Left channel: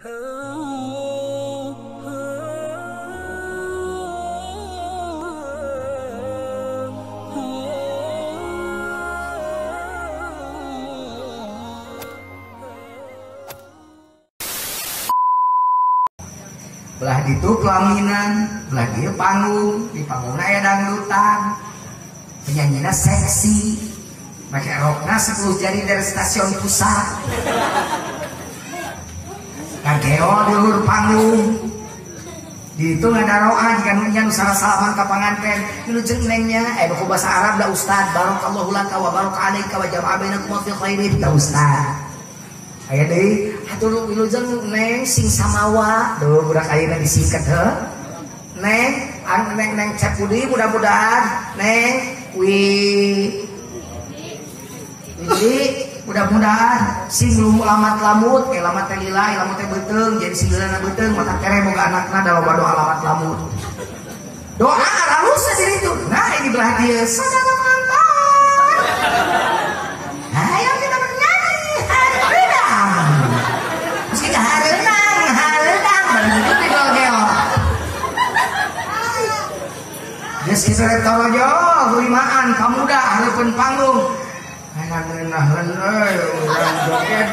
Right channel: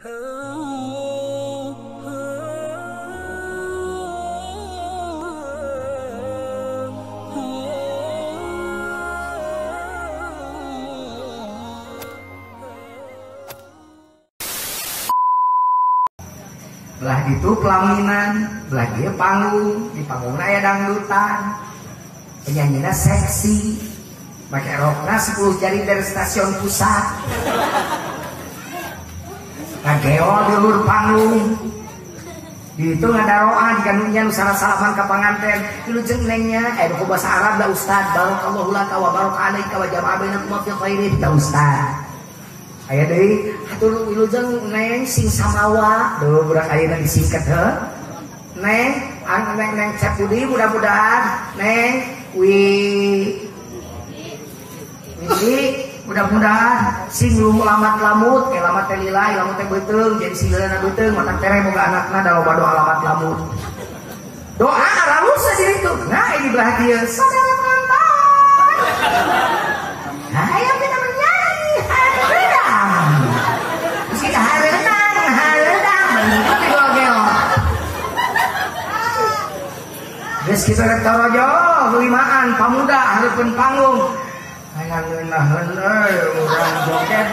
Belah gitu pelaminan, belah dia panggung, di panggung aya dangdutan, penyanyinya seksi, pakai rokna 10 jari dari stasiun pusat, ngageo di luar panggung, di itu ngadaroan kan nunyan salah salaman ke panganten, dulu jeung nengnya, ku bahasa Arab da Ustad, barakallahu laka wa baraka alaika wa jama'a bainakum fi khairin ya Ustad. Aya deui atuh wilujeng neng sing samawa duh budak ayeuna disingkat heuh neng neng Cepudi mudah-mudahan neng Wili mudah-mudahan sing lu lamat lamut lamat teh lila lamat teh beuteung jadi singeulana beuteung mata tere boga anakna da loba doa lamat lamut doa ralus saja itu nah ini belah dia saudara penonton ayo kita bernyanyi kita hareudang begitu gelo-gelo geus kitu rek torojo limaan pamuda hareupeun panggung ngeunah-ngeunaheun urang joget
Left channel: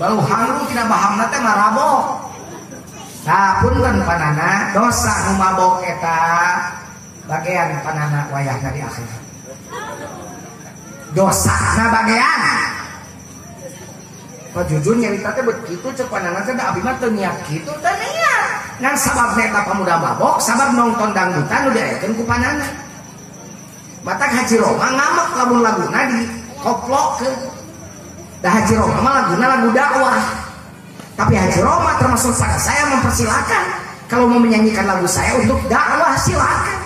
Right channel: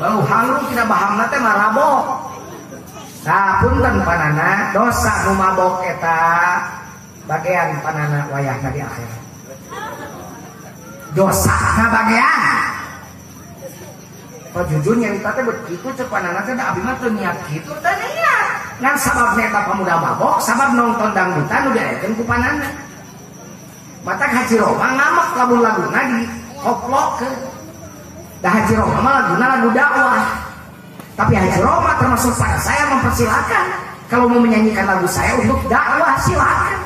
bau hangu tina bahamna teh marabok nah punten panana dosa nu mabok eta bagean panana wayahna di akhirat dosa na bagean jujur nyarita teh begitu cek pandangan teh da abdi mah teu niat kitu teh niat ngan sababna eta pamuda mabok sabab nonton dangdutan nu diaekeun ku panana matak Haji Roma ngamak lamun laguna di koplokeun da Haji Roma mah laguna lagu dakwah tapi Haji Roma termasuk saya mempersilakan kalau mau menyanyikan lagu saya untuk dakwah silakan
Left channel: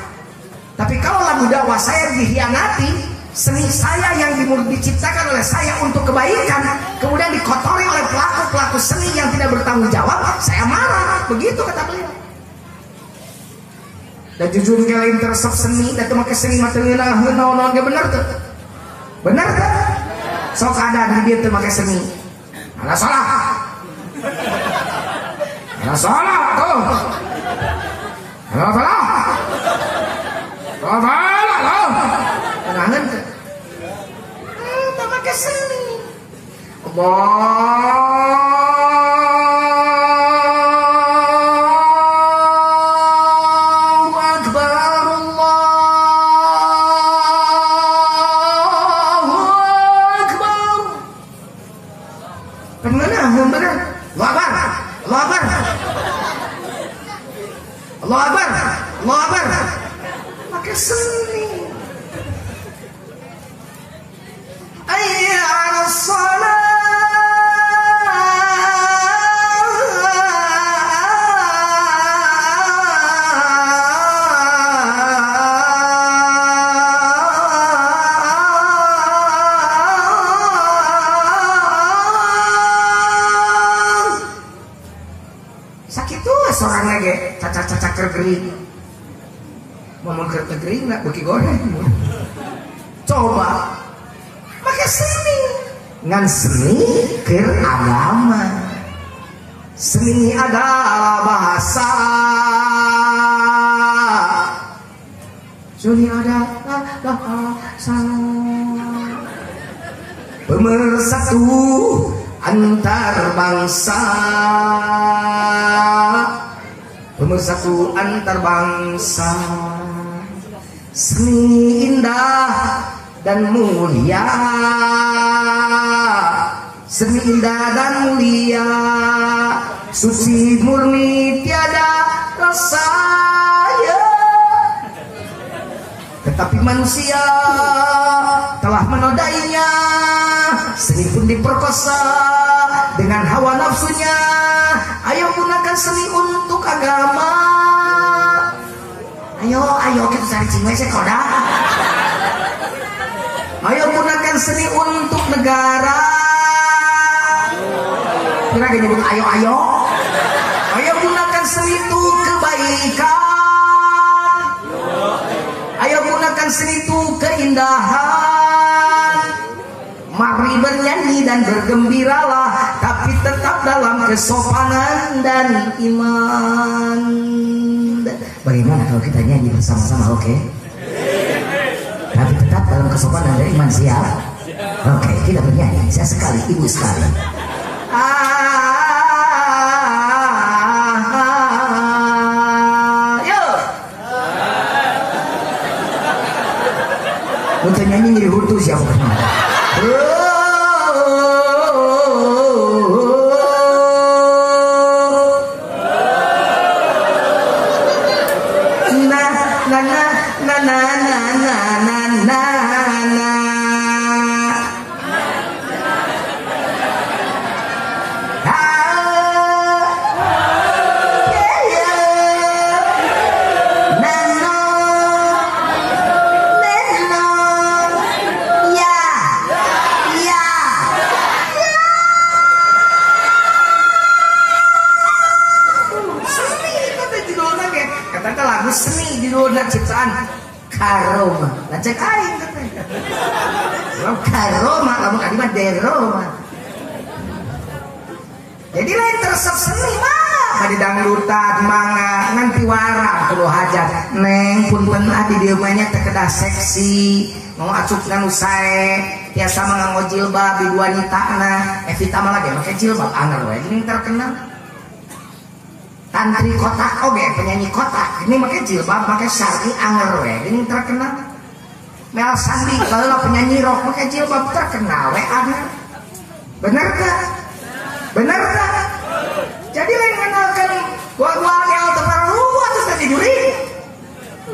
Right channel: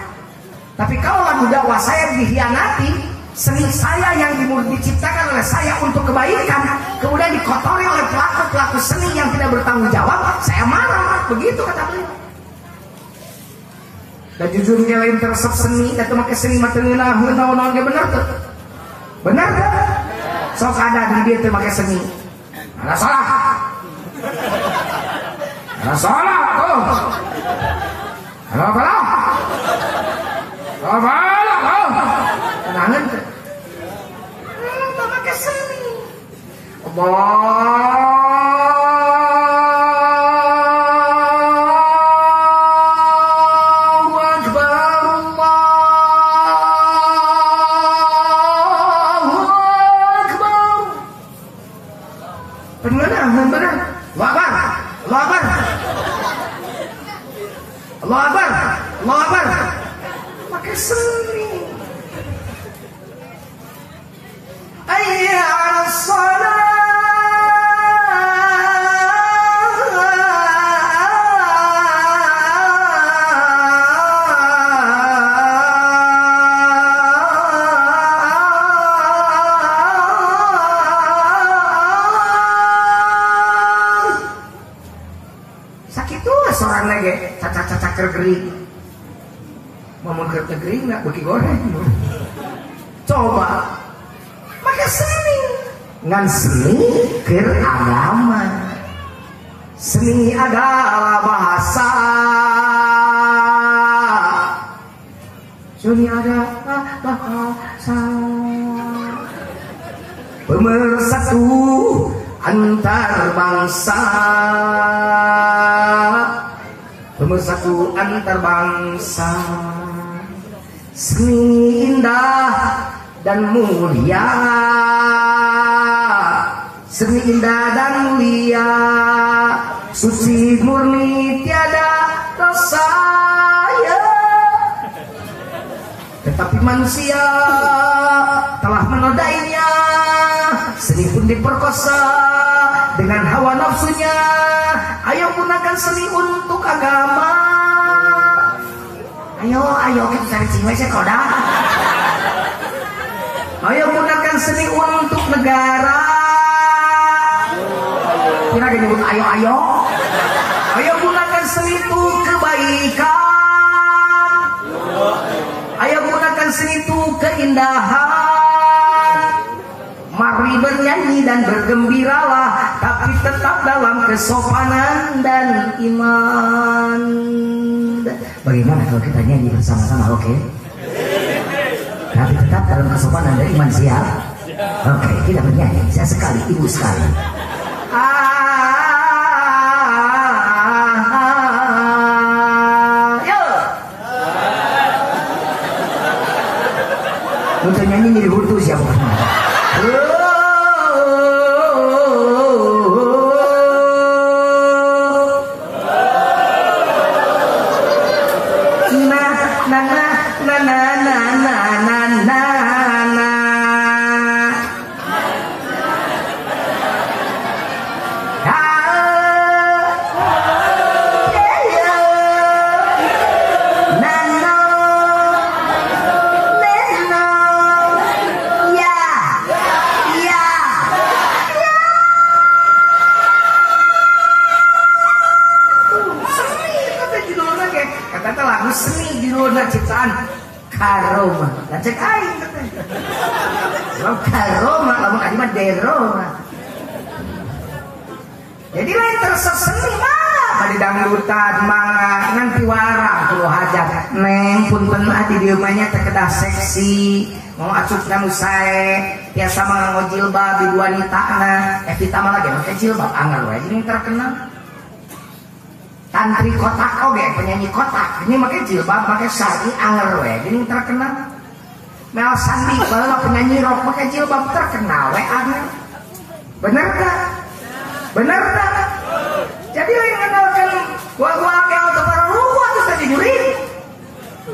tapi kalau lagu dakwah saya dihianati seni saya yang diciptakan oleh saya untuk kebaikan kemudian dikotori oleh pelaku-pelaku seni yang tidak bertanggung jawab saya marah begitu kata beliau dan jujur kalian teresep seni dan make seni mah teu ngeunaheun naon-naon ge bener tuh bener tuh sok ada di dieu teu make seni ada salah tuh ada nahan tuh tak pakai seni Allahu Akbar Allahu Akbar bener Allahu Akbar Allahu Akbar Allahu Akbar Allahu Akbar pakai seni hayya 'alas shalah sakitu sorangna ge cacak-cacak kergering ngomong kergering enggak beki goreng coba pakai seni ngan seni keur agama seni adalah bahasa seni adalah bahasa pemersatu antar bangsa pemersatu antar bangsa seni indah dan mulia seni indah dan mulia suci murni tiada rasa ya tetapi manusia telah menodainya seni pun diperkosa dengan hawa nafsunya ayo gunakan seni untuk agama ayo kita cari cingwe sekolah ayo gunakan seni untuk negara kira dia nyebut ayo gunakan seni itu kebaikan ayo gunakan seni itu keindahan mari bernyanyi dan bergembiralah tapi tetap dalam kesopanan dan iman. Bagaimana kalau kita nyanyi bersama-sama, oke? Tapi tetap dalam kesopanan dan iman, siap? Oke, kita bernyanyi. Saya sekali, ibu sekali. Untuk nyanyi ngiri hutu siapa? Seni judulna ciptaan Karoma. Lah cek aing katanya. Kalau Karoma kamu tadi mah Deroma. Jadi lain tersep seni mah tadi dangdutan mangga nanti warang kudu hajat. Neng punten adi dieu mah nya teh kedah seksi, mau acukna nu sae, tiasa manganggo jilbab di wanitana. Evita mah lagi make jilbab anggar we jadi terkenal. Tantri kotak oge penyanyi kotak ini pakai jilbab pakai sari anger we ini terkenal. Mel Sandi kalau penyanyi rock pakai jilbab terkenal we anger. Bener gak? Bener gak? Jadi lain kenalkan guakel tepara luar terus tadi juri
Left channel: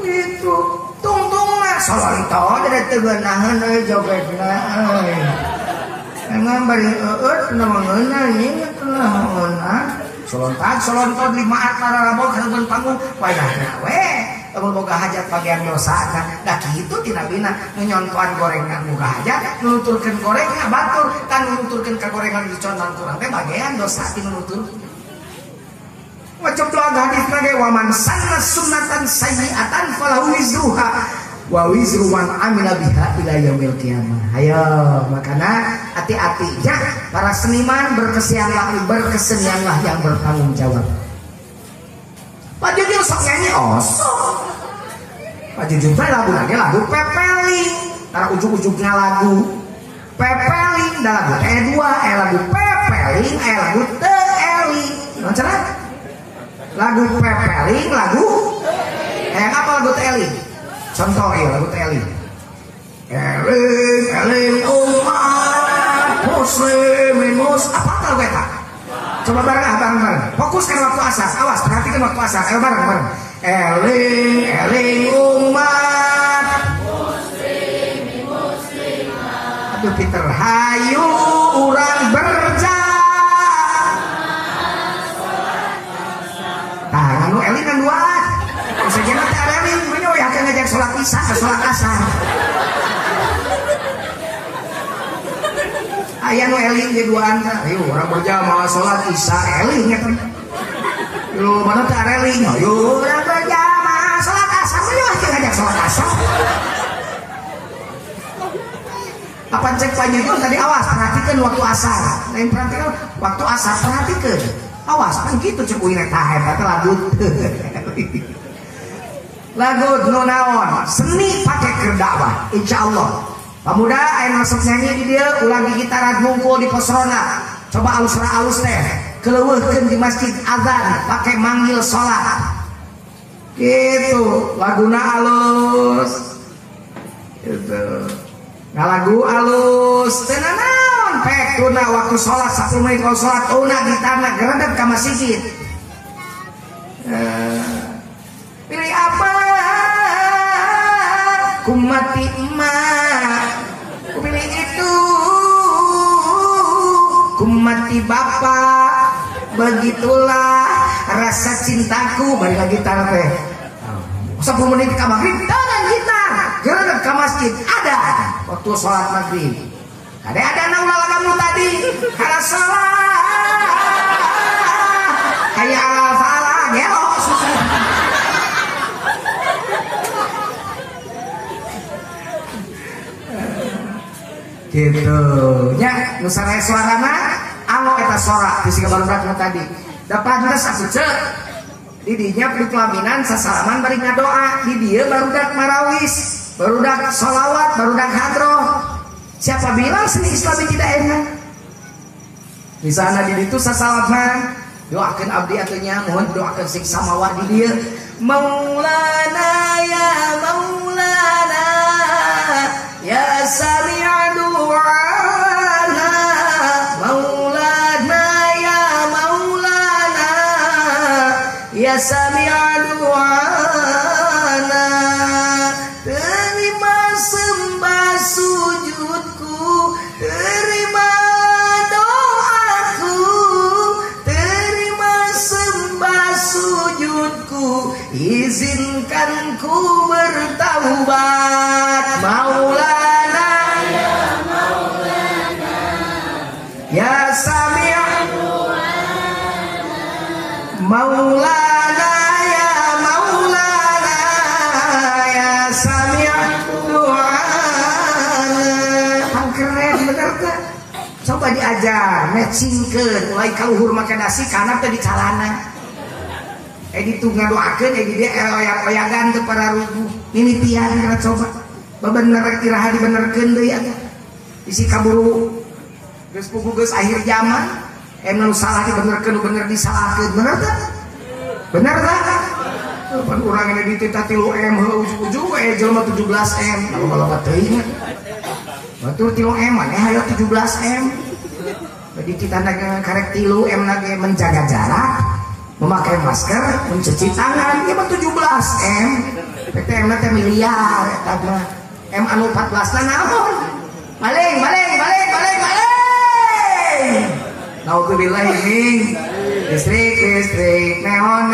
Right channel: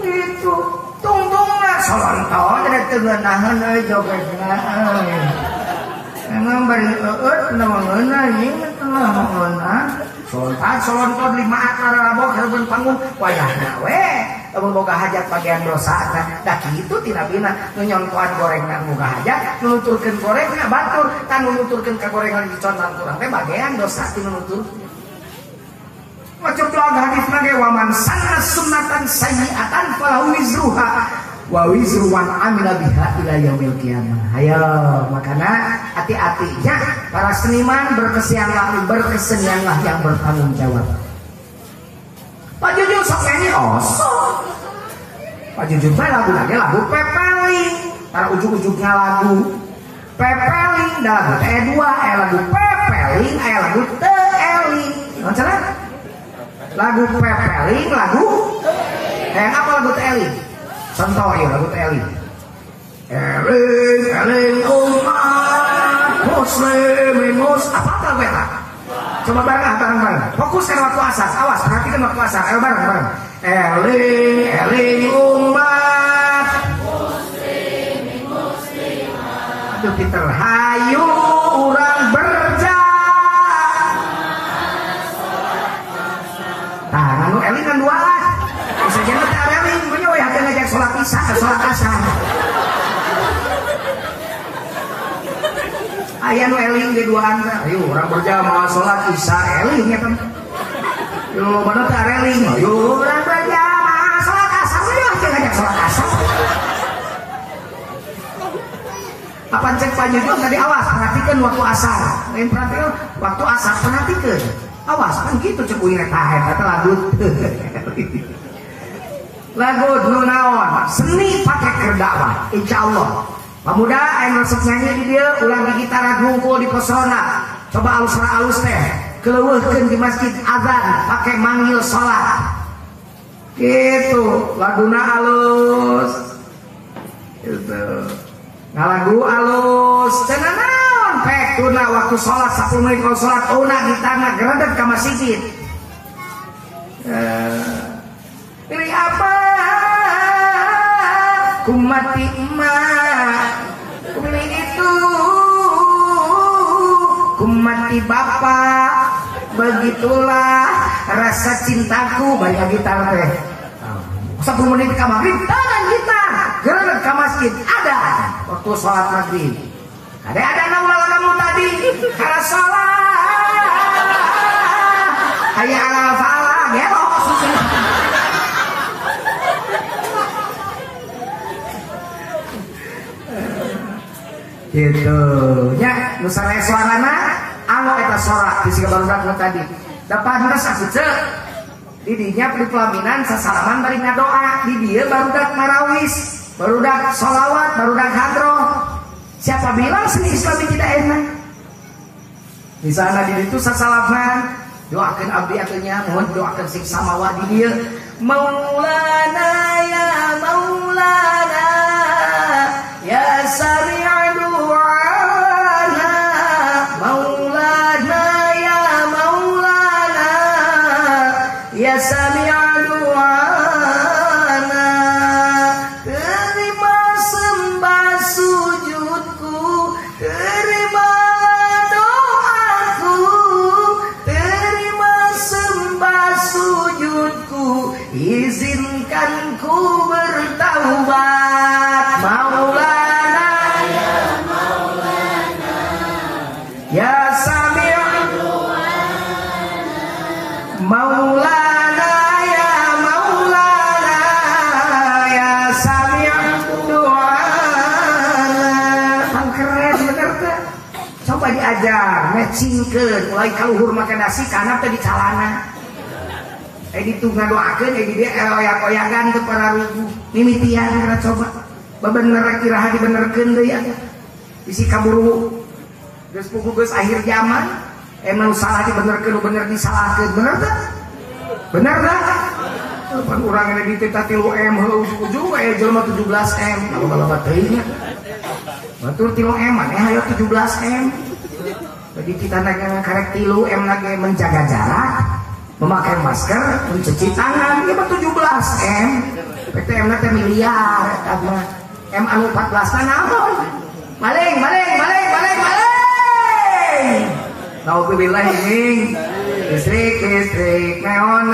gitu tungtungna solonto ada tegenahan jogetna memang bari nawangeuna ieu telah solontot 5 akar rabok hareupeun panggung wayahna we boga hajat bagian dosa da kitu tina bina nu nyontoan gorengan boga hajat nunuturkeun gorengna batur tan nunuturkeun ka gorengan dicontohan kurang teh bagian dosa ti nunutur waceplak hadisna ge waman sanna sunnatan sayyi'atan falahu wizruha wa wizru man amila biha ila yaumil qiyamah. Ayo makana hati-hatinya para seniman berkesenianlah yang bertanggung jawab. Pak Jujur sok nyanyi Pak Jujur teh lagu lagi lagu pepeling. Tar ujug-ujugna lagu pepeling da lagu dua lagu pepeling lagu teeling. Macana? Lagu pepeling lagu apa lagu teeling? Contoh ya lagu teeling. Eling umat muslimin apa beta? Coba bareng. Fokuskan waktu asar. Awas, perhatikan waktu asar. Ayo bareng. Eling umat muslimin muslimat. Aduh pinter. Hayu urang berjalan. Tah, nganu eling kan dua alat. Bisa jangan teh eling, gue ya akan ngajak sholat isya ke sholat asar. Aya nu eling ge duaan teh. Ayo urang berjamaah sholat isya eling ya kan. Yo mana teh eling. Ayo urang berjamaah sholat asar we aja ngajak sholat asar. Apa cek Pak Jujur tadi awas perhatikan waktu asar. Lain perhatikan waktu asar perhatikan. Awas kan gitu cek uing eta kata lagu. Lagu nu naon seni pakai kerdakwah insyaallah. Pemuda yang masuk nyanyi di dia ulang di gitar ngungkul di pesona. Coba alus teh keleuweurkeun di masjid azan pakai manggil sholat gitu laguna alus gitu ngalagu alus cenah naon pek tuna waktu sholat 10 menit kalau sholat tuna gitarna geredeg ka masjid. Pilih apa kumati emak pilih itu kumati bapak begitulah rasa cintaku balik lagi gitar teh 10 menit ke maghrib tangan gitar gerak ke masjid ada waktu sholat maghrib ada naulah kamu tadi karena sholat kayak ala-ala gelos gitu nya nusana suarana Pango eta sorak di siga barudak nu tadi. Da pantes atuh ceuk. Di dinya di pelaminan sasalaman bari ngadoa, di dieu barudak marawis, barudak sholawat, barudak hadroh. Siapa bilang seni Islami tidak enak? Di sana di ditu sasalaman, doakeun abdi atunya, mohon doakeun sing samawat di dieu. Maulana ya Maulana ya sami'a du'ana Maulana ya Maulana ya sami'a du'ana terima sembah sujudku terima doaku terima sembah sujudku izinkan ku bertaubat Maulana ya Maulana ya Sami' Maulana ya Maulana ya Sami' du'ana. Kan keren bener teh. Coba diajar matchingkeun mulai kaluhur make nasi kana teh di calana. Ditu ngadoakeun di dia oyak-oyagan teu para rubuh mimitian kana coba bebener iraha dibenerkeun deui atuh isi kaburu geus puguh geus akhir zaman nu salah dibenerkeun nu bener disalahkeun bener teh bener teh pan urang ini dititah 3M heuh ujug-ujug we jelema 17M kalau teuing batur 3M maneh hayo 17M jadi kita karek 3M lagi menjaga jarak memakai masker, mencuci tangan, ya 17M. PTM nanti miliar, M anu 14 naon? Maling. Nauzubillah ini. Listrik, neon,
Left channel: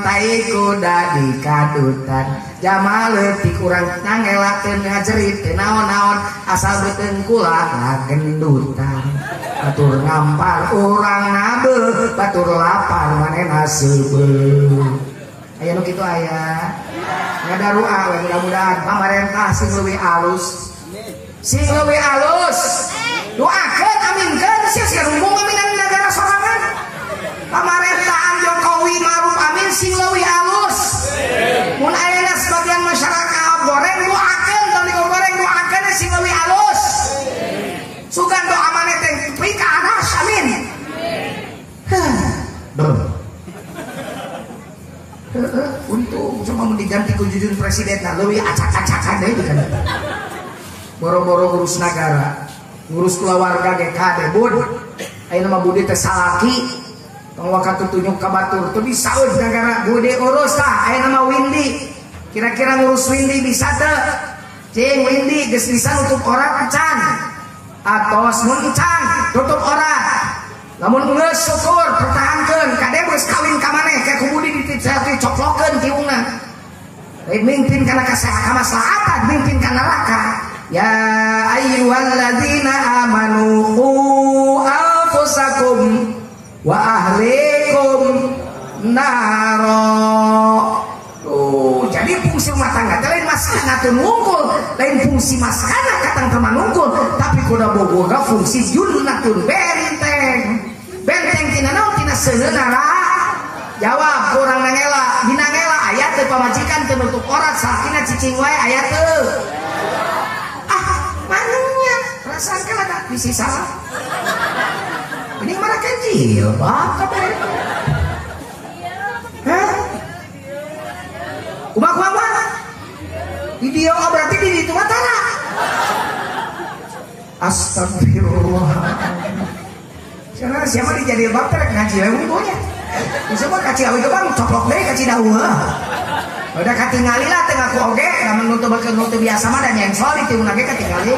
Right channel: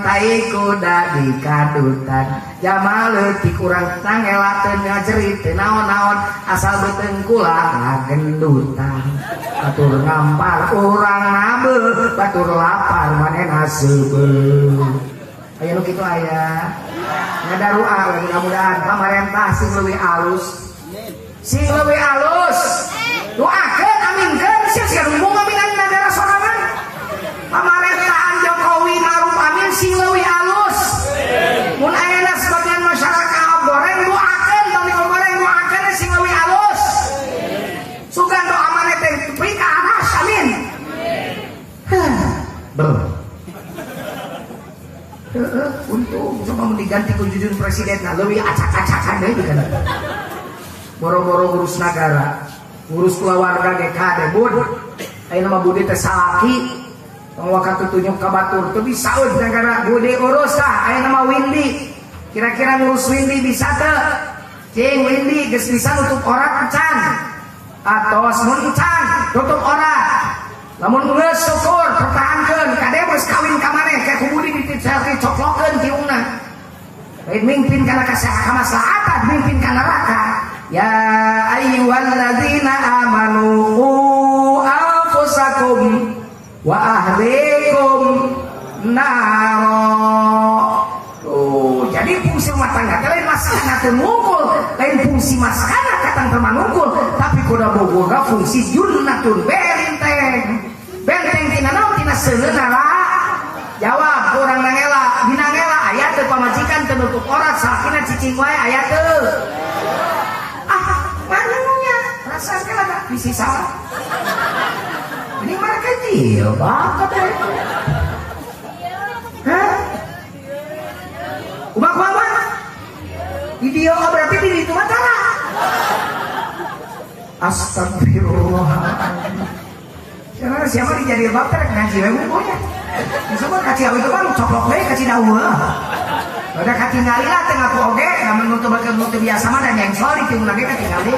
tai kuda di kadutan. Jamal leutik urang nangelakeun ngajerit teu naon-naon, asal beuteung kula gendutan. Batur ngampar urang nabeuh, batur lapar manehna seubeuh. Aya nu kitu aya. Ngadaru'a mudah-mudahan pamarentah sing leuwih alus. Doakeun aminkeun sia rumbung aminan nagara sorangan. Pamerintahan Jokowi Ma'ruf Amin sing leuwih alus. Mun ayeuna sebagian masyarakat goreng doakeun tong digoreng doakeun sing leuwih alus. Sugan doa maneh teh beri ka anas amin. Untung coba diganti ku jujun presiden nah leuwih acak-acakan deui kan. Boro-boro ngurus negara, ngurus keluarga ge kade bud. Ayeuna mah budi teh salaki. Tong waktu tunjuk ka batur teu bisa eud negara budi urus tah. Ayeuna mah Windy. Kira-kira ngurus Windy bisa teu? Cing Windy geus bisa nutup orang can. Atos mun can tutup orang. Lamun geus syukur pertahankeun kade geus kawin ka maneh kayak ku budi dititih coklokeun tiungna. Lain mimpin kana kamaslahatan, mimpin ka neraka. Ya ayyuhalladzina amanu qu anfusakum wa ahlikum naro. Jadi fungsi rumah tangga lain maskana teu nungkul, lain fungsi maskana katang teu manungkul, tapi kuda bogoga fungsi junnatun benteng tina naon tina seunana. Jawab kurang nangela, dina ngela aya teu pamajikan teu nutup orat sakina cicing wae aya teu. Manunya rasakan ada visi salah. Ini mana kecil, bapak deh. Hah? Kumaha? Video berarti di itu matara. Astagfirullah. Siapa dijadiin bapak ngaji lagi ibunya. Siapa kaci awi itu kan coplok deh kaci daun. Udah katingali lah tengah ku oge, namun nutup biasa mah dan yang soal itu lagi katingali.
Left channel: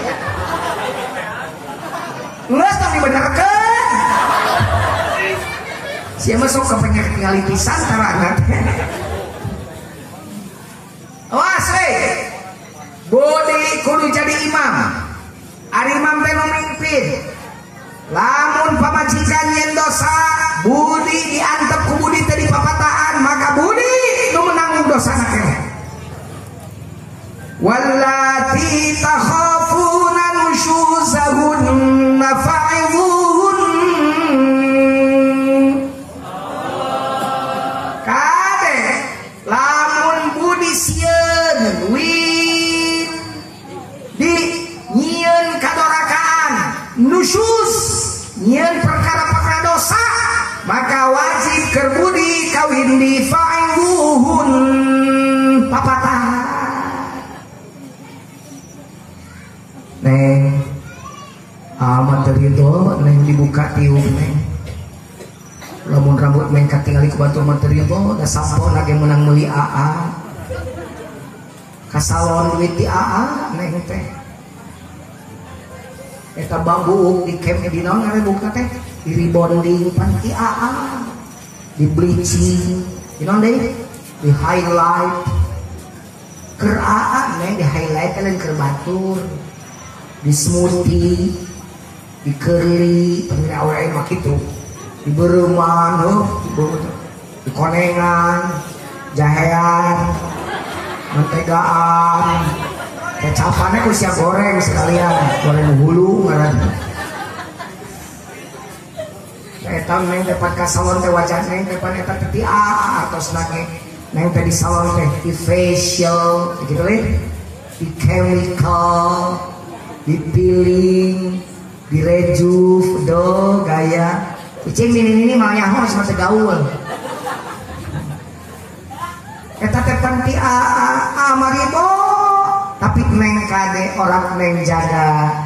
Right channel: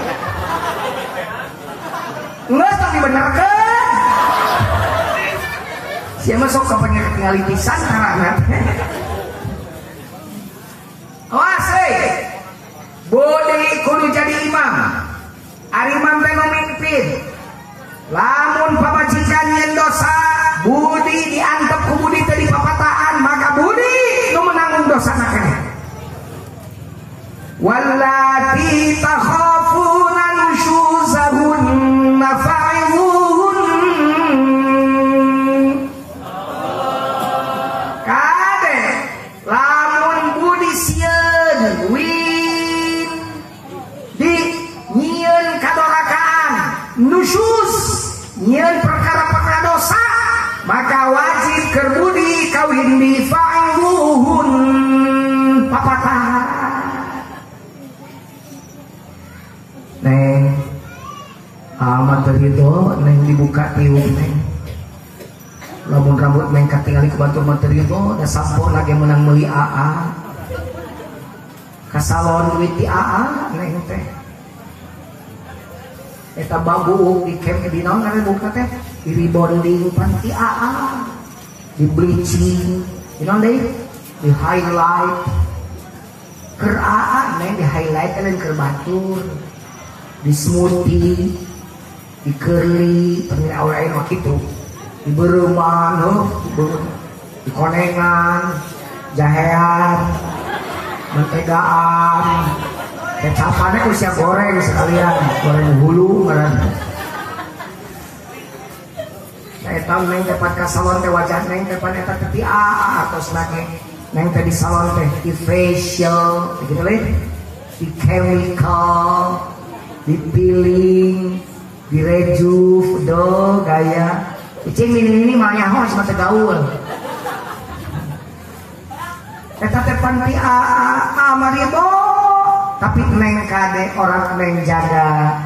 Nggak tapi benerkeun. Siapa sok kepengen katingali pisan karena awas bodi kudu jadi imam. Ari imam teh nu mimpin. Lamun pamajikan yen dosa, budi diantep ku budi teh dipapataan, maka budi nu menanggung dosana keneh. Wallati takhafuna nusyuzahunna fa'izuhunna kerbudi kawin di fa'luhun papatah. Neng amat terido neng dibuka tiung neng lamun rambut neng katingali ku batu materi itu da sampun lagi menang meuli AA kasalon duit di AA neng teh eta bambu di camp di naon ngaran buka teh di rebonding panti AA di bleaching di naon deui di highlight keur AA neng di highlight dan keur batur di smoothie di curly pemina awal mah kitu di bereman di konengan jahean mentegaan kecapannya usia goreng sekalian goreng hulu ngaran eta neng dapat ka salon teh wajah neng dapat eta teh atos nage neng teh di salon teh di facial gitu leh di chemical di peeling di rejuve do gaya cing ini malah nyaho sama gaul eta teh panti amaribo tapi neng kade orang neng jaga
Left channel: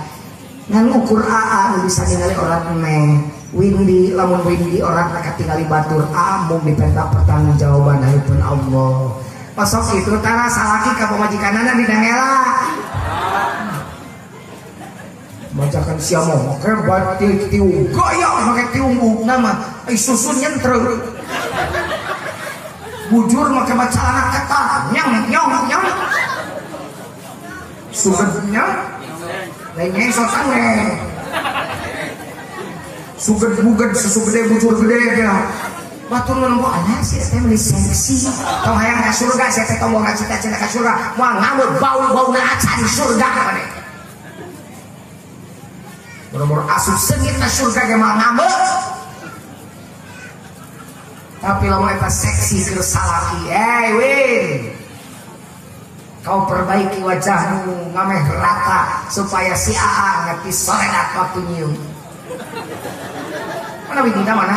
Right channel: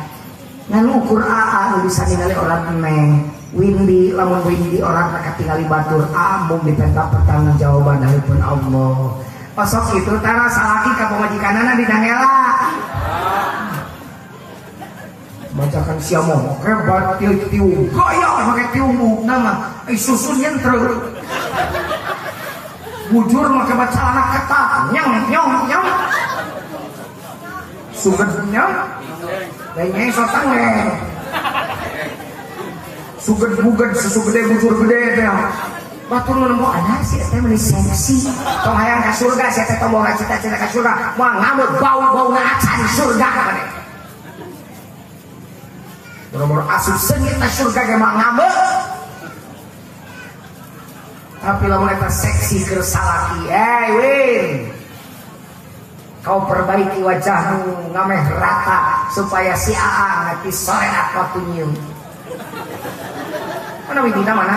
ngan ukur AA bisa ningali orang neng Windy lamun Windy orang tak tinggali batur mung dipentak pertanggung jawaban hareupeun Allah pasok itu tara salaki ka pamajikanana di dangela bacakan siapa mau kebat tiung gaya pakai tiung nama susun nyentreur bujur pakai baca anak kata nyong sugetnya lainnya sotan suget buget susu gede bujur gede ya batur nembok anak sih teh meuli seksi tong hayang ka surga sia teh tombol cita-cita ka surga moal ngamut bau-bauna acan surga kana nomor asup sengit na surga ge mah ngambek tapi lamun eta seksi keur salaki Win kau perbaiki wajahmu ngameh rata supaya si AA ngati sorenak waktu nyium mana Widita mana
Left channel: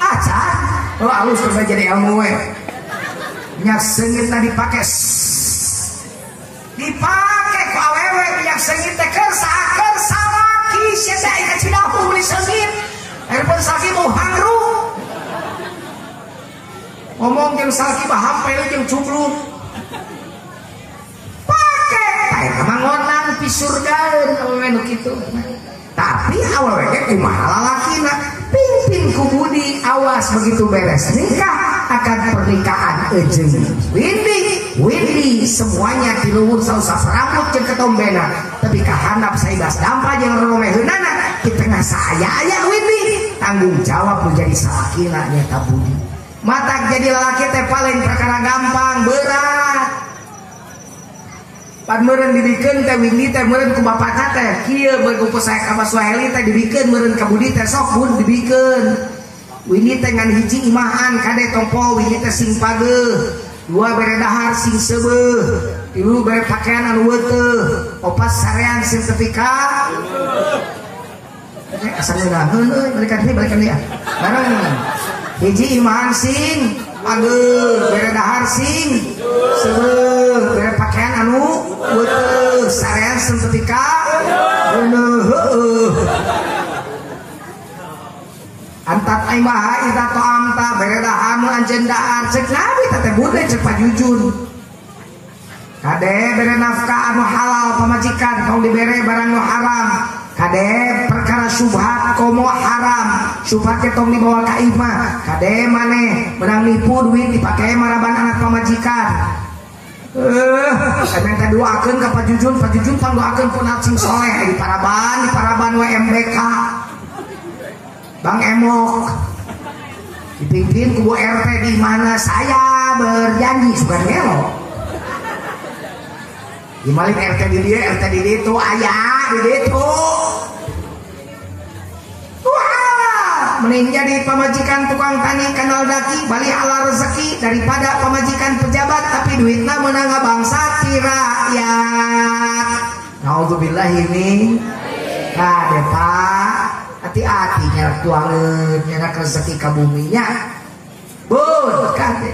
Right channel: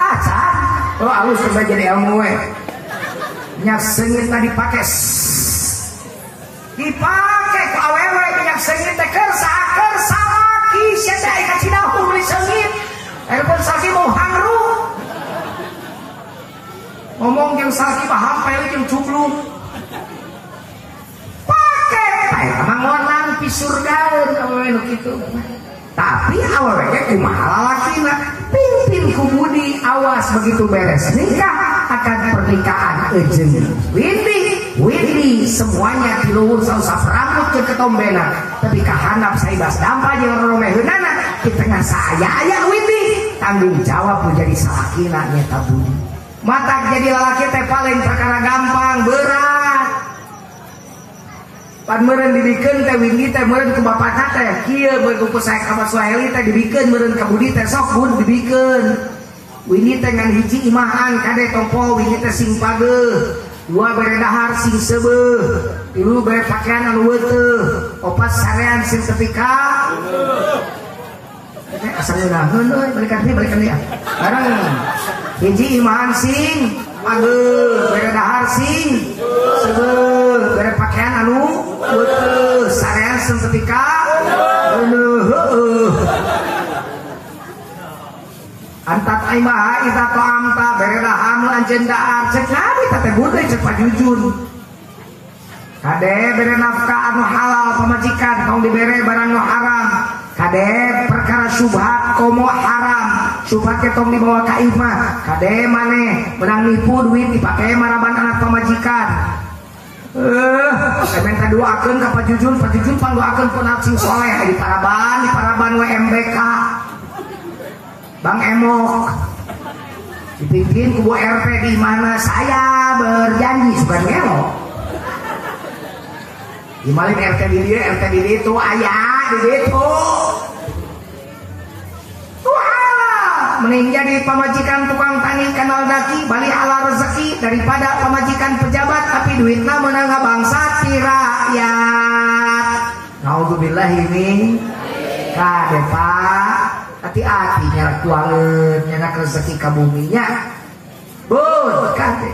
acan oh alus coba jadi ilmu minyak sengit na dipakai ku awewe minyak sengit teh keur samaki sia teh ka Cidahu beli sengit erpun saki mau hangru ngomong jeung saki mah hampel jeung cubluk pake eta mah ngonan pi surgaeun awewe nu kitu tapi awewe ge kumaha lalakina pimpin ku budi awas begitu beres nikah akan pernikahan jeung Windy semuanya diluhur sausah rambut jeung ketombena tapi kahandap saibas dampa jeung romeheunana di tengah saya aya Windy tanggung jawab menjadi salakina nyata budi matak jadi lalaki teh paling perkara gampang berat pan meureun dibikeun teh Windy teh meureun ku bapakna teh kieu beug ku sae ka Swahili teh dibikeun meureun ka budi teh sok bun dibikeun Windy teh ngan hiji imahan kade tompo Windy teh sing pageuh dua bere dahar sing seubeuh tilu bere pakaian anu weuteuh opat sarean sing setrika asal ngeunaheun euy balikan deui bareng hiji imahan sing pageuh bere dahar sing seubeuh bere pakaian anu weuteuh sarean sing setrika heueuh antat aimaha ita to amta beredahan anjendaan cek nabi teh bude cek pajujun kade bere nafkah anu halal pamajikan kaum dibere barang nu haram kade perkara syubhat komo haram syubhat ke tong dibawa ka imah kade maneh menang nipu duit dipake maraban anak pamajikan semen kedua akeun ka pajujun panggoakeun ku nacing soleh di paraban WMBK Bang Emok dipimpin kubu RT di mana saya berjanji suka ngelok dimalin RT di dia itu ayah di itu mending jadi pemajikan tukang tani kanal daki balik ala rezeki daripada pemajikan pejabat tapi duitnya menangga bangsa ti rakyat. Naudzubillah ini kade pak hati-hati nyarak tuangan nyarak rezeki ka buminya bun kade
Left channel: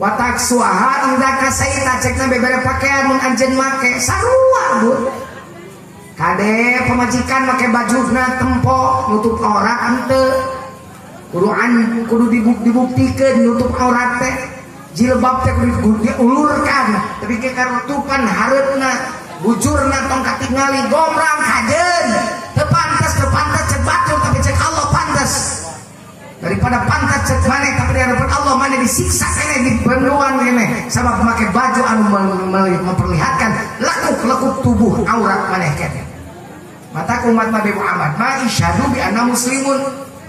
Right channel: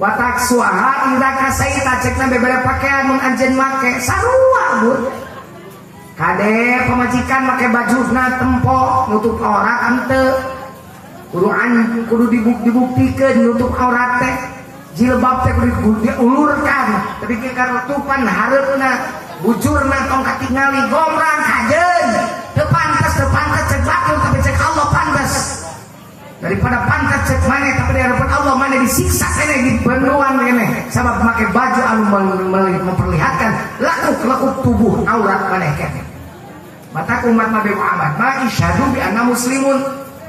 watak suaha indah kasaita cekna bebera pakaian mun anjeun make sarua bun kade pemajikan make bajuna tempo nutup aurat henteu kudu dibuktikan nutup aurat teh jilbab teh kudu diulurkan tapi ke karutupan hareupna bujurna tong katingali gomrang kajeun teu pantes cek batur tapi cek Allah pantes daripada pantas cek maneh tapi di hadapan Allah maneh disiksa keneh dibenuan keneh sabab make baju anu memperlihatkan lekuk tubuh aurat maneh keneh mata umat Nabi Muhammad ma isyhadu bi anna muslimun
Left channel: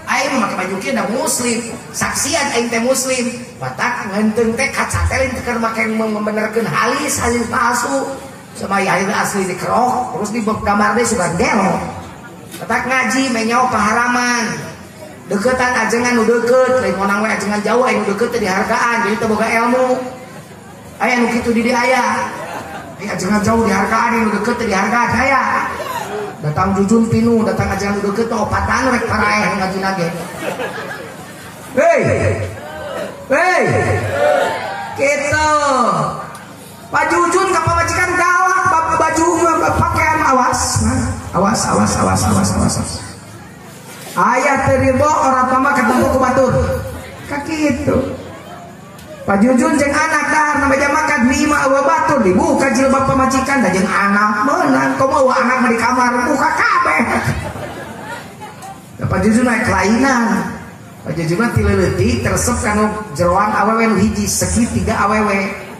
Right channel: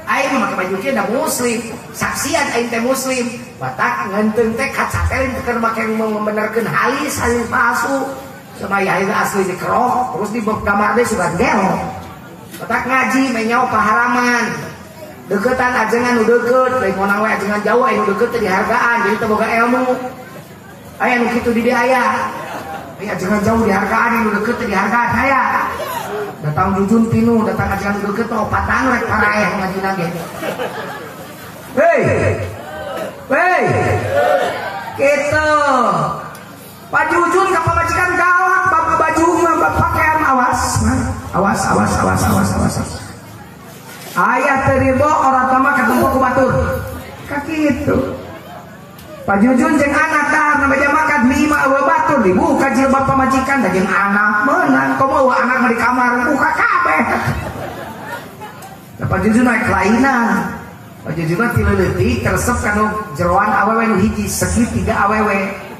aing make baju kieu da muslim saksian aing teh muslim batak ngeunteung teh kaca teh keur make membenerkeun halis palsu semaya itu asli dikerok terus di gambar deh suka gel batak ngaji menyau paharaman deketan ajengan nu deket lain monang we ajengan jauh anu deket teh dihargaan jadi teu boga ilmu aya nu kitu di dieu aya ajengan jauh dihargaan anu deket teh dihargaan aya datang jujun pinu datang ajengan nu deket teh opatan rek para aya ngaji lagi hei kita Pak Jujun ka pamajikan galak baju pakaian awas ayah teribo orang tama ketemu ku batur kaki itu Pak Jujun jeung anak dahar na beja makan 5 awe batur dibuka jilbab pamajikan da jeung anak meunang komo anak di kamar buka kabeh Pak Jujun naik kelainan Pak Jujun ti leuleutik teresep kana jeroan awewe nu hiji segitiga awewe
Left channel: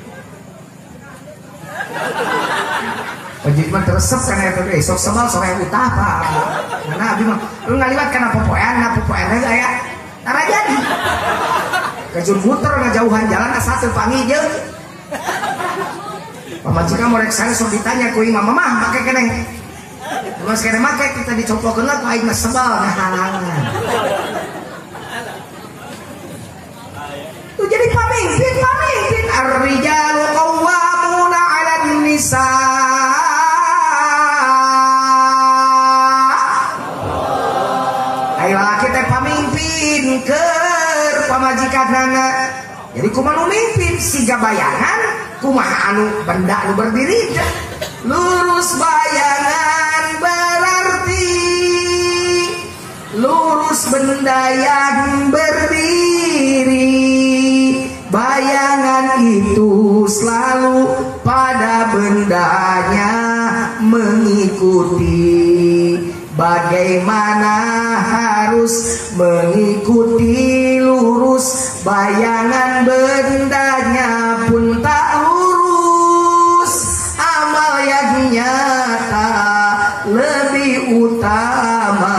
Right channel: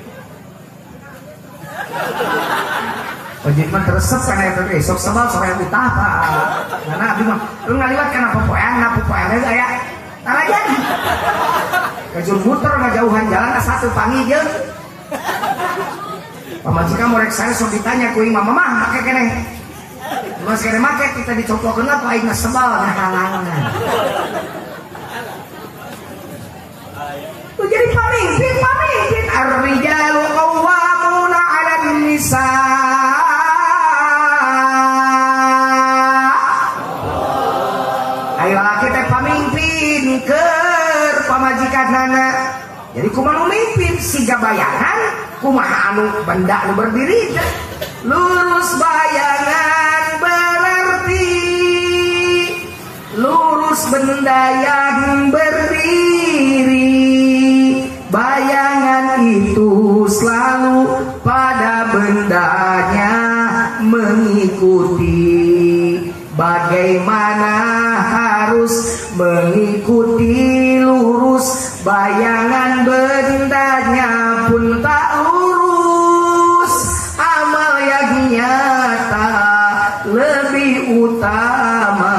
Wajib mah teresep karena itu esok sebal sore utah pak. Karena abdi mah lu ngaliwat kana popoean, na popoean teh aya tara jadi. Kajur muter ngajauhan jalan asa teu pangi jeung. Pamajikan morek saya sok ditanya ku imam mamah make keneh. Mas keneh make kita dicoplokeun lah ku aing sebal ngahalangan. Tu jadi pamimpin ar-rijalu qawwamuna 'alan nisa. Keur pamajikanana jadi kumaha mimpin siga bayangan kumaha anu benda anu berdiri lurus bayangan berarti lurus benda yang berdiri bayangan itu selalu pada bendanya mengikuti bagaimana harus mengikuti lurus bayangan bendanya pun tak lurus amal yang nyata lebih utama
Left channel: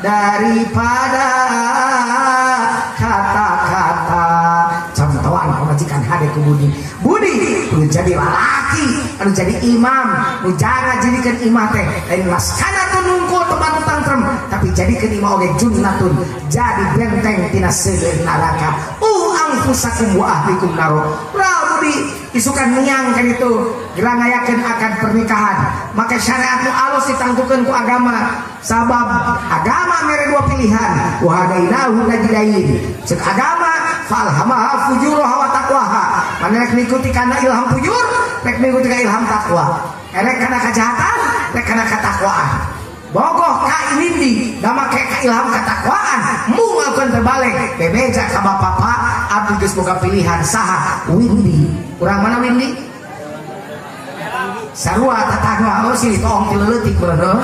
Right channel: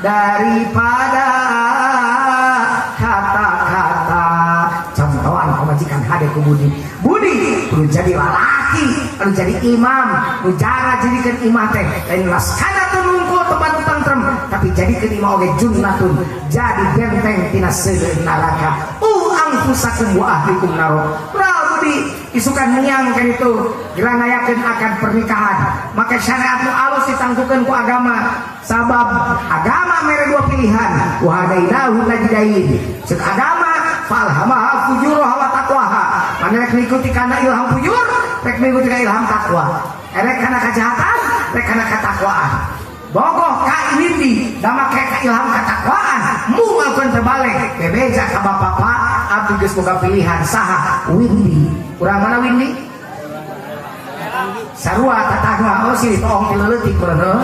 daripada kata-kata contohan pemajikan hade ku budi perlu jadi lelaki perlu jadi imam jangan jadikan imam teh lain laskana nunggu teman tantrem tapi jadikan imam oge junnatun jadi benteng tina seuleuh neraka anfusakum wa ahlikum naro budi isukan menyangkan itu gerangayakeun akan pernikahan maka syariat nu alus ditanggukeun ku agama sabab agama mere dua pilihan wa hadainahu najdain ceuk agama falhamaha fujuraha wa taqwaha mana rek ngikuti kana ilham fujur rek ngikuti kana ilham taqwa rek kana kejahatan rek kana katakwaan bogoh ka windi da make ka ilham katakwaan mualkeun terbalik bebeja ka bapak abdi geus boga pilihan saha windi urang mana windi sarua tatangwa oh sini tong ti leutik beuleuh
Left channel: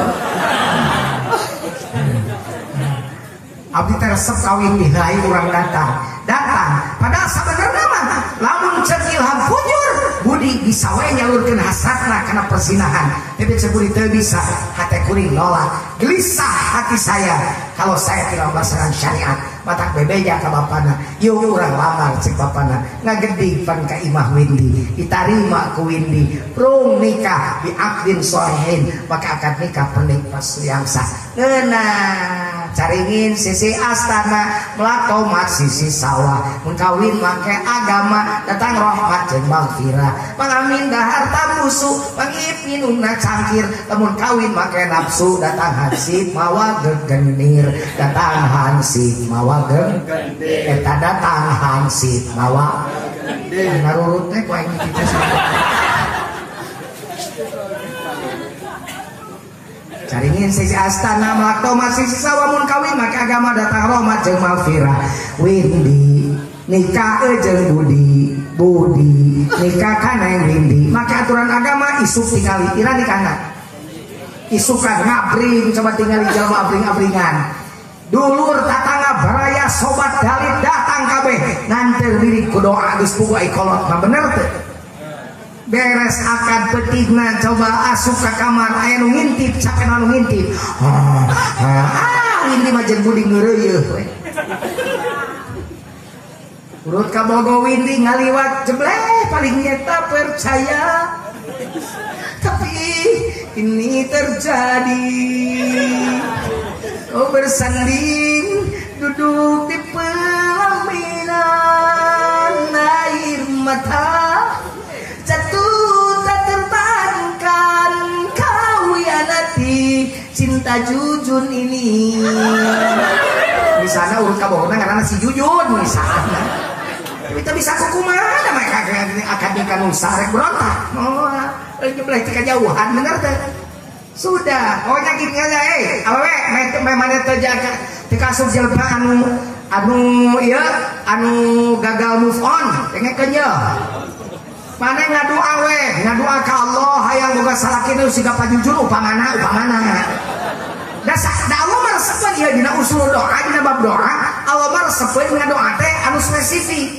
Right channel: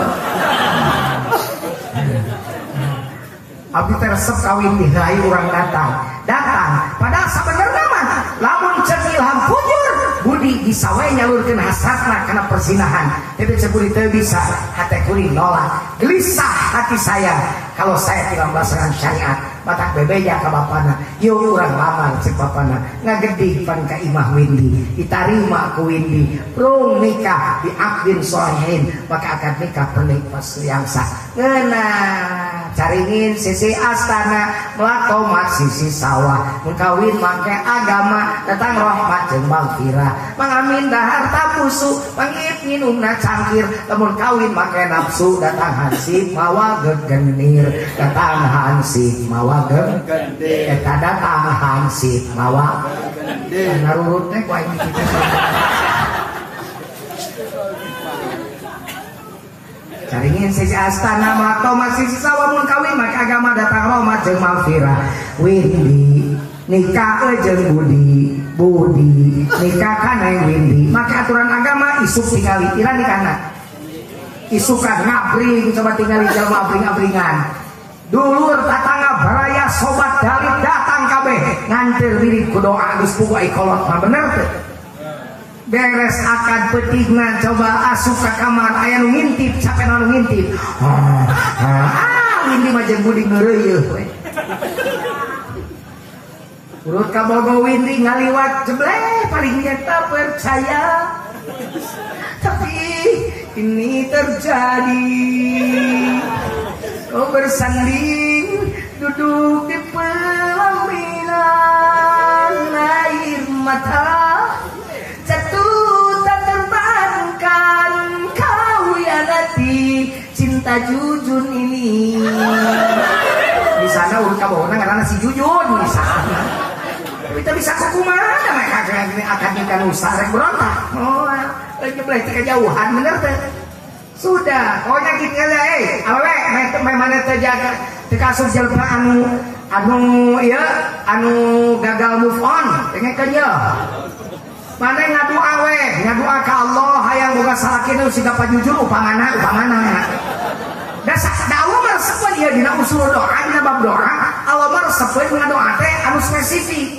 abdi teh resep ka windi hayu urang datang padahal sebenarnya mah lamun ceuk ilham fujur budi bisa we nyalurkeun hasratna kana persinahan tapi ceburi teu bisa hate kuring nolak gelisah hati saya kalau saya tidak melaksanakan syariat batak bebeja ka bapana yeuh urang lamar cek bapana ngagedi pan ka imah windi ditarima ku windi rung nikah bi aqdin sholihin maka akad nikah pernik pas yang sah ngeunah caringin sisi astana melakomat sisi sawah mengkawin make agama datang rahmat jeung magfirah pangamin dahar tabusu pangip minumna cangkir lamun kawin make nafsu datang hansip mawa gegenir datang hansip mawa gegenir eta datang hansip mawa narurut teh ku aing kitu caringin sisi astana melakto masih sisa wamun kawin maka agama datang rahmat jeung magfirah windi nikah jeung budi budi nikah kana windi maka aturan agama isuk tinggali ira nikahna isukan ngabring coba tinggali jalma abring-abringan dulur tatangga baraya sobat dalit datang kabeh nganter diri ku doa geus pugu ai kolot mah bener teh beres akan petigna coba asup ke kamar aya nu ngintip capek nu ngintip windi mah jeung budi ngeureuyeuh we urut ka bogo windi ngaliwat jebleh paling nyata percaya tapi ini terjadi oh bersanding duduk di pelaminan air mata cinta Jujun ini di sana urut kabohona karena si Jujun di sana kita bisa kumaha mereka akan nikah nusa rek berontak oh boleh tika jauhan bener teh sudah pokoknya gitu aja awewe memang terjaga dikasih jelma anu ya anu gagal move on dengekeun ya mana ngadu awe ngadua ka Allah hayang boga salakina siga pajujur upamana dasar Allah mah resepkeun ieu dina usul doa dina bab doa Allah mah resepkeun ngadoa teh anu spesifik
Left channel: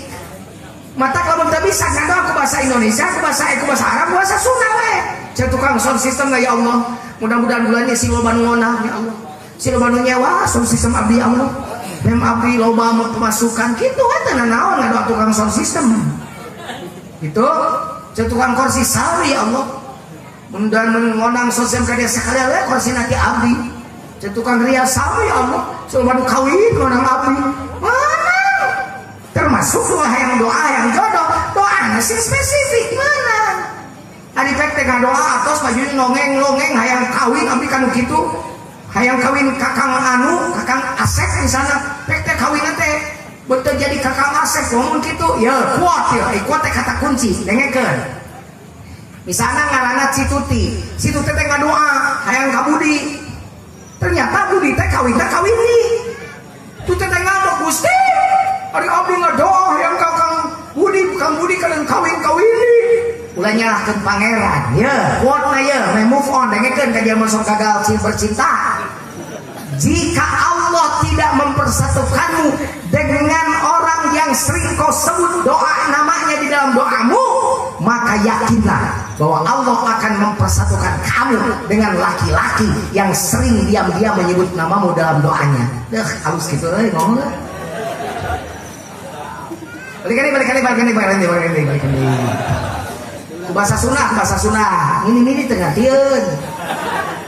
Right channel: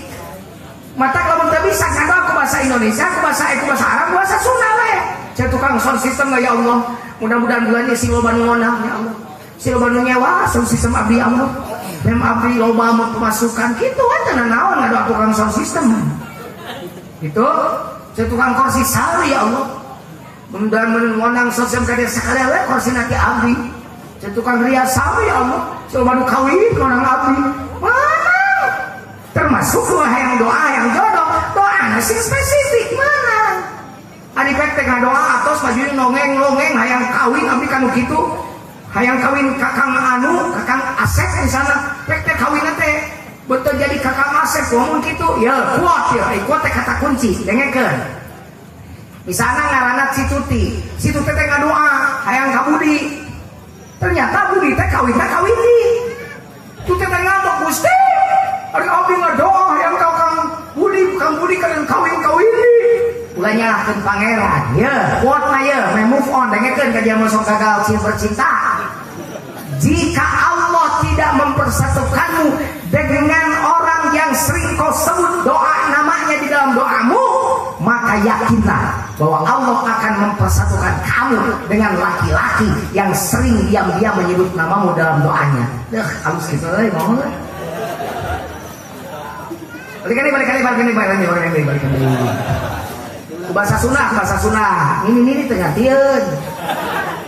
mata kalau teu bisa ngadoa ku bahasa Indonesia ku bahasa Arab ku bahasa Sunda we cek tukang sound system ya Allah mudah-mudahan bulan ini si loba nu ngonah ya Allah si loba nu nyewa sound system abdi Allah mem abdi loba pemasukan kitu teh naon ngadoa tukang sound system itu saya tukang kursi sawi ya Allah mudah menang sosial kadia sekali we kursi nanti abdi saya tukang ria sawi ya Allah coba nu kawin menang abdi mana termasuk yang doa yang jodoh doa sih spesifik mana adi pek teh doa atos majuin nongeng hayang kawin abdi kanu kitu hayang kawin kakang kakang Asep di sana pek teh kawin teh betul jadi kakak Asep ngomong gitu ya kuat ya kuat teh kata kunci dengekeun misalnya ngaranna Situti teh ngadoa hayang ka Budi ternyata Budi teh kawin di tu teh ngambek Gusti ari abdi ngadoa hayang ka Kang Budi kalian kawin ulah nyalahkeun pangeran ya kuat na ya move on dengekeun ka dia masuk gagal bercinta jika Allah tidak mempersatukanmu dengan orang yang sering kau sebut doa namanya di dalam doamu, maka yakinlah bahwa Allah akan mempersatukan kamu dengan laki-laki yang sering diam-diam menyebut namamu dalam doanya. Halus gitu lah, mau nggak? Balik. Bahasa Sunda. Ini tengah tieun.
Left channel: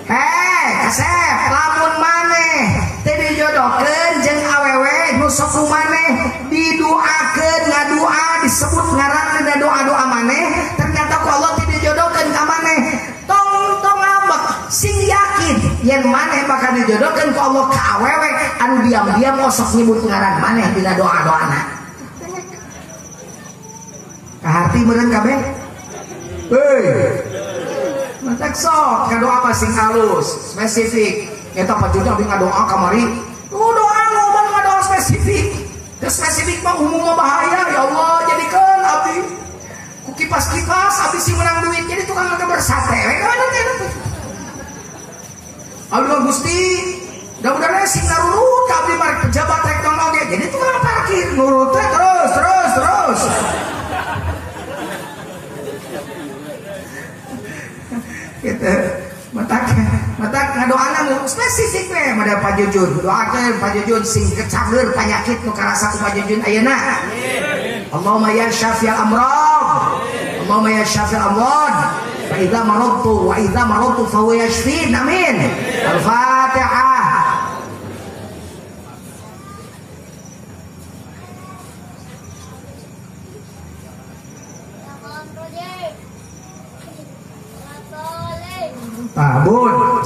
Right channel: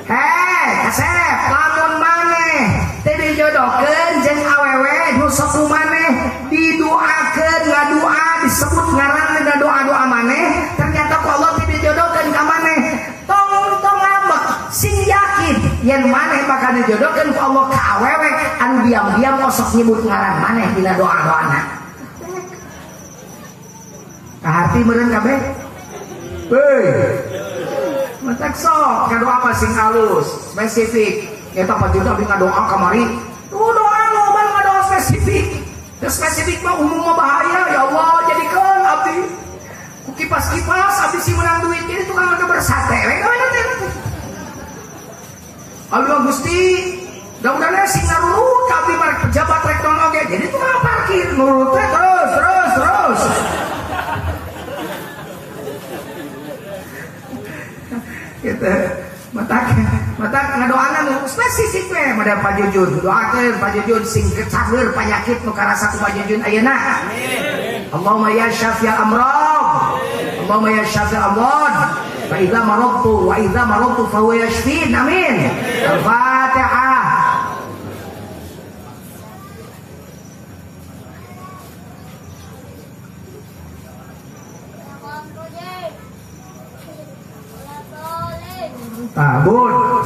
Hei, Kasep, lamun maneh teh dijodohkeun jeung awewe nu sok maneh didoakeun ngadoa disebut ngaran doa-doa maneh ternyata ku Allah teh dijodohkeun ka maneh tong ngambek sing yakin yen maneh bakal dijodohkeun ku Allah ka awewe anu diam-diam sok nyebut ngaran maneh dina doa-doana kaharti meureun kabeh matak sok ngadoa apa sing halus spesifik eta pajuda abdi ngadoa kamari doa spesifik mah umum mah bahaya ya Allah jadikeun abdi ku kipas-kipas abdi si menang duit jadi tukang makan bersate we kada teh abdi Gusti mudah-mudahan sing ngarurut ka abdi marek pejabat rek tong oge jadi tukang parkir nurut teh terus gitu matak ngadoana nu spesifik we mada Pak Jujun doakeun Pak Jujun sing kecageur panyakit nu karasa ku Pak Jujun ayeuna amin Allahumma ya syafi'al amrad Allahumma ya syafi'al amrad fa idza maradtu fa huwa yashfin amin al-fatihah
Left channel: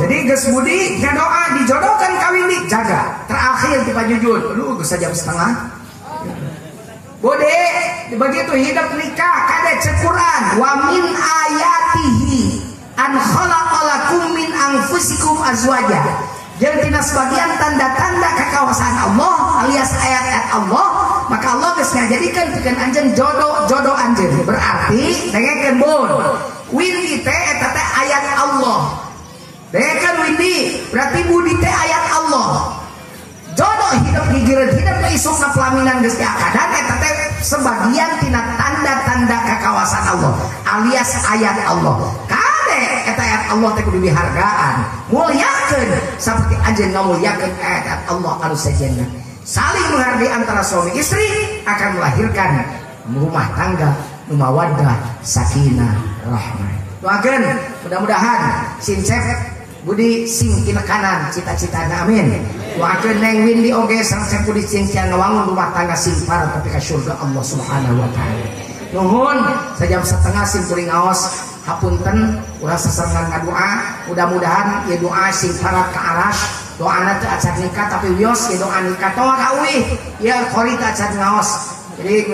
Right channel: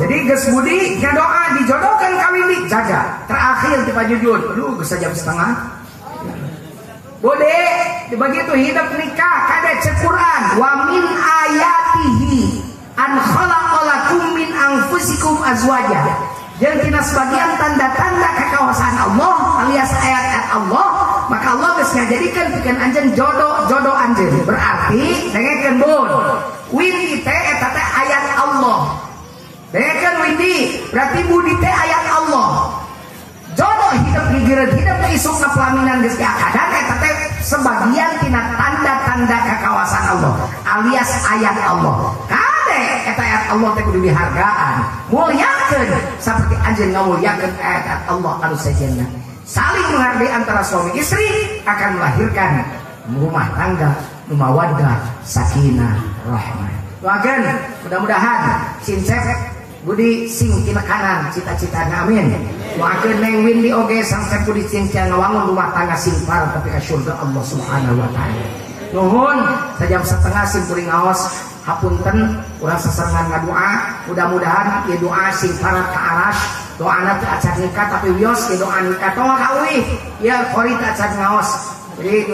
Jadi geus budi ngadoa dijodohkan kawin dijaga. Terakhir di pajujun. Aduh geus jam setengah. Bude begitu hidup nikah kada cek Quran wa min ayatihi an khalaqalakum min anfusikum azwaja. Jadi tina sebagian tanda-tanda kekuasaan Allah alias ayat-ayat Allah, maka Allah geus ngajadikeun pikeun anjeun jodoh anjeun. Berarti dengekeun bun. Windi teh eta teh ayat Allah. Dengekeun windi, berarti budi teh ayat Allah. Jodoh hidup gigireun hidup teh isukna pelaminan geus diakadan eta teh sebagian tina tanda-tanda kekuasaan Allah alias ayat Allah. Kade eta ayat Allah teh kudu dihargaan, mulyakeun saperti anjeun ngamulyakeun ayat Allah anu sejenna. Saling menghargai antara suami istri akan melahirkan rumah tangga nu mawaddah, sakinah, rahmah. Doakeun mudah-mudahan sincek budi sing kina kanan cita-citana amin. Doakeun Neng Windy oge sangsek budi sing ngawangun rumah tangga sing parah tapi ka surga Allah Subhanahu wa taala. Nuhun sajam setengah sim kuring ngaos hapunten urang sasarengan ngadoa mudah-mudahan ieu doa sing parah ka aras doana teu acan nikah tapi wios ieu doa nikah toa kauih ieu kori teu acan ngaos. Jadi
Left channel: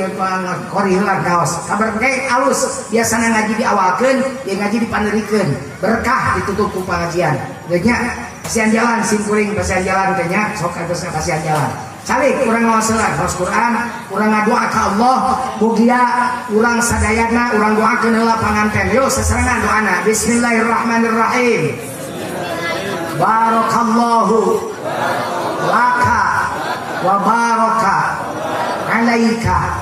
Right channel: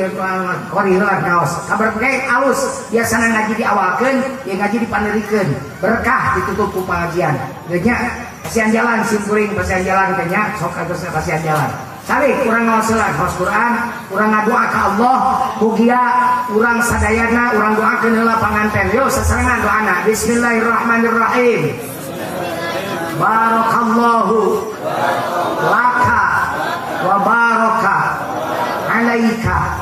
kori heula ngaos kabar ge alus biasana ngaji diawalkeun ieu ngaji dipanderikeun berkah ditutup ku pengajian geus nya kasihan jalan sim kuring kasihan jalan teh nya sok geus kasihan jalan calik urang ngaoseulan ngaos Quran urang ngadoa ka Allah mugia urang sadayana urang doakeun heula panganten yo sasarengan doana bismillahirrahmanirrahim barakallahu laka wa baraka alaika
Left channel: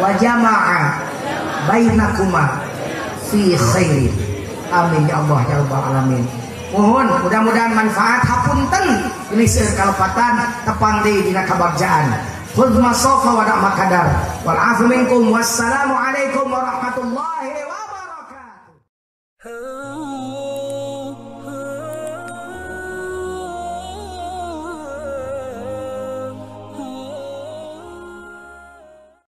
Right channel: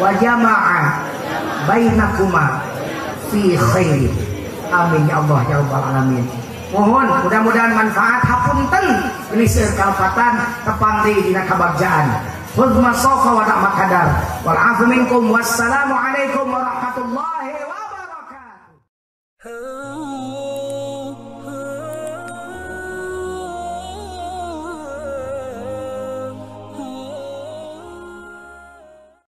wa jama'a bainakuma fi khair. Amin ya Allah ya rabbal alamin. Mohon mudah-mudahan manfaat hapunten ini seueur kalepatan tepang deui dina kabagjaan. Khudh masafa wa da' makadar wal afu minkum wassalamu alaikum